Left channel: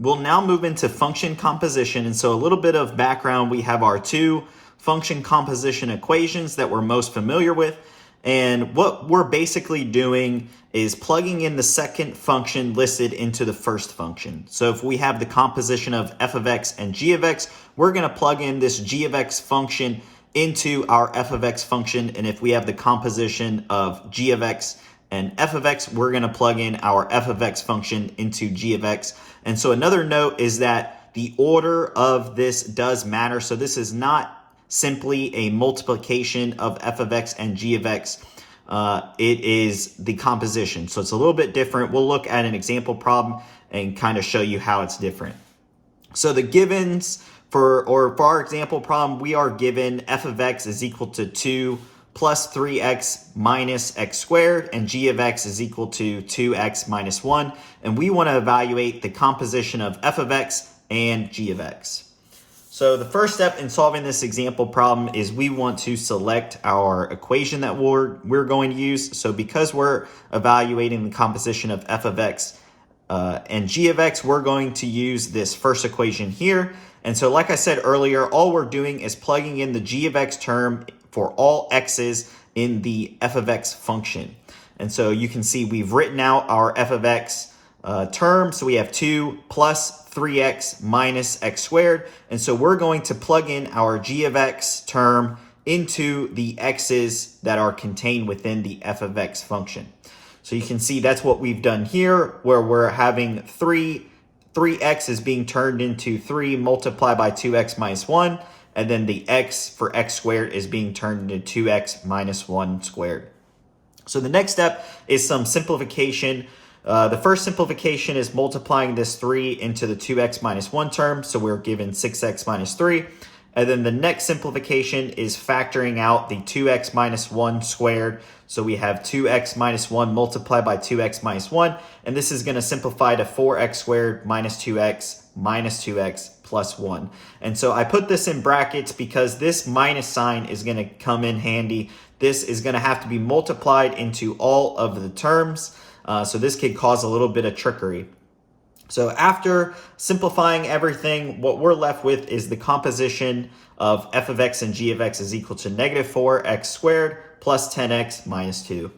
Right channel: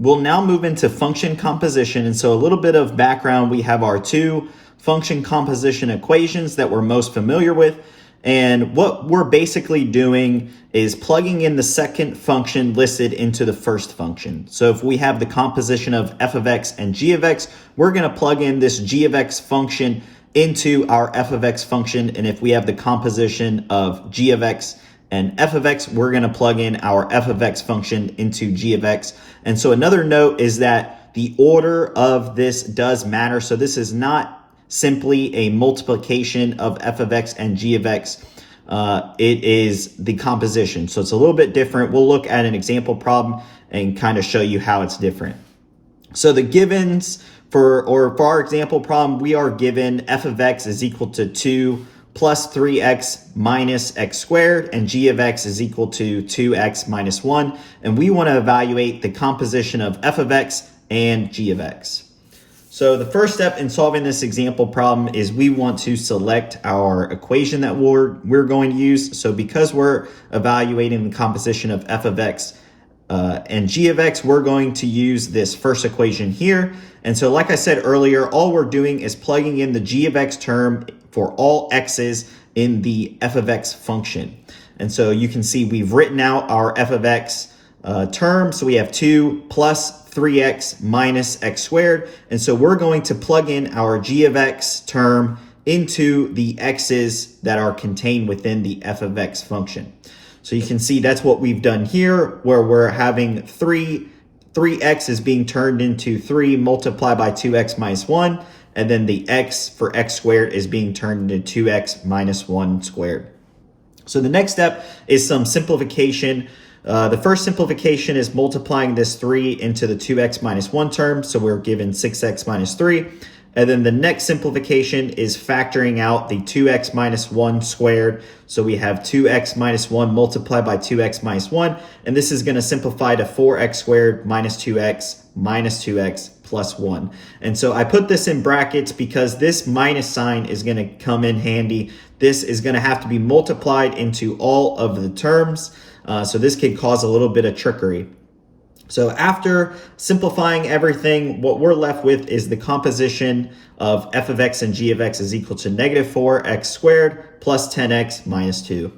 We'll now move into function composition. And so a little bit of background, we have our two function composition equations that we're most familiar with. And what we're basically doing is plugging in the second function listed into the first function. So if we have the composition of f of x and g of x, we're going to plug in this g of x function into our f of x function. And if we have the composition of g of x and f of x, we're going to plug in our f of x function into g of x. And so another note is that the order of this does matter. So this is not simply a multiplication of f of x and g of x. It is the composition. So it's a little bit different. We'll look at an example problem and kind of show you how it's different. So the givens for our example problem, we are given f of x is equal to 2 plus 3x minus x squared, and g of x is equal to 2x minus 1. And we want to evaluate the composition of f of x and g of x. So the first step in solving this example problem is we want to select our equation that we're going to use. So because we're evaluating the composition of f of x and g of x, we're going to use this first equation here. And so like I said earlier, all we're doing is plugging in the g of x term for all x's in the f of x function. And so you can see we've written out our f of x term. So we have 2 plus 3x minus x squared. And so we're going to plug in our g of x term into the x's that are contained within the f of x function. So you can see that's what we've done here, where we're having 3x is being turned into 3 multiplied by 2x minus 1. And then the x for x squared is being turned into 2x minus 1 squared. So the next step is some simplification. The first simplification is multiplying this 3 into the 2x minus 1 term. So we're given 6x minus 3. And then the next simplification is factoring out the 2x minus 1 squared. So we have 2x minus 1 multiplied by 2x minus 1. And this is going to simplify to 4x squared minus 2x plus 1. And so I put this in brackets because this minus sign is going to come in handy. This is going to have to be multiplied into all of the terms. So this could cause a little bit of trickery. So after simplifying everything, what we're left with is the composition of f of x and g of x is equal to negative 4x squared plus 10x minus 2.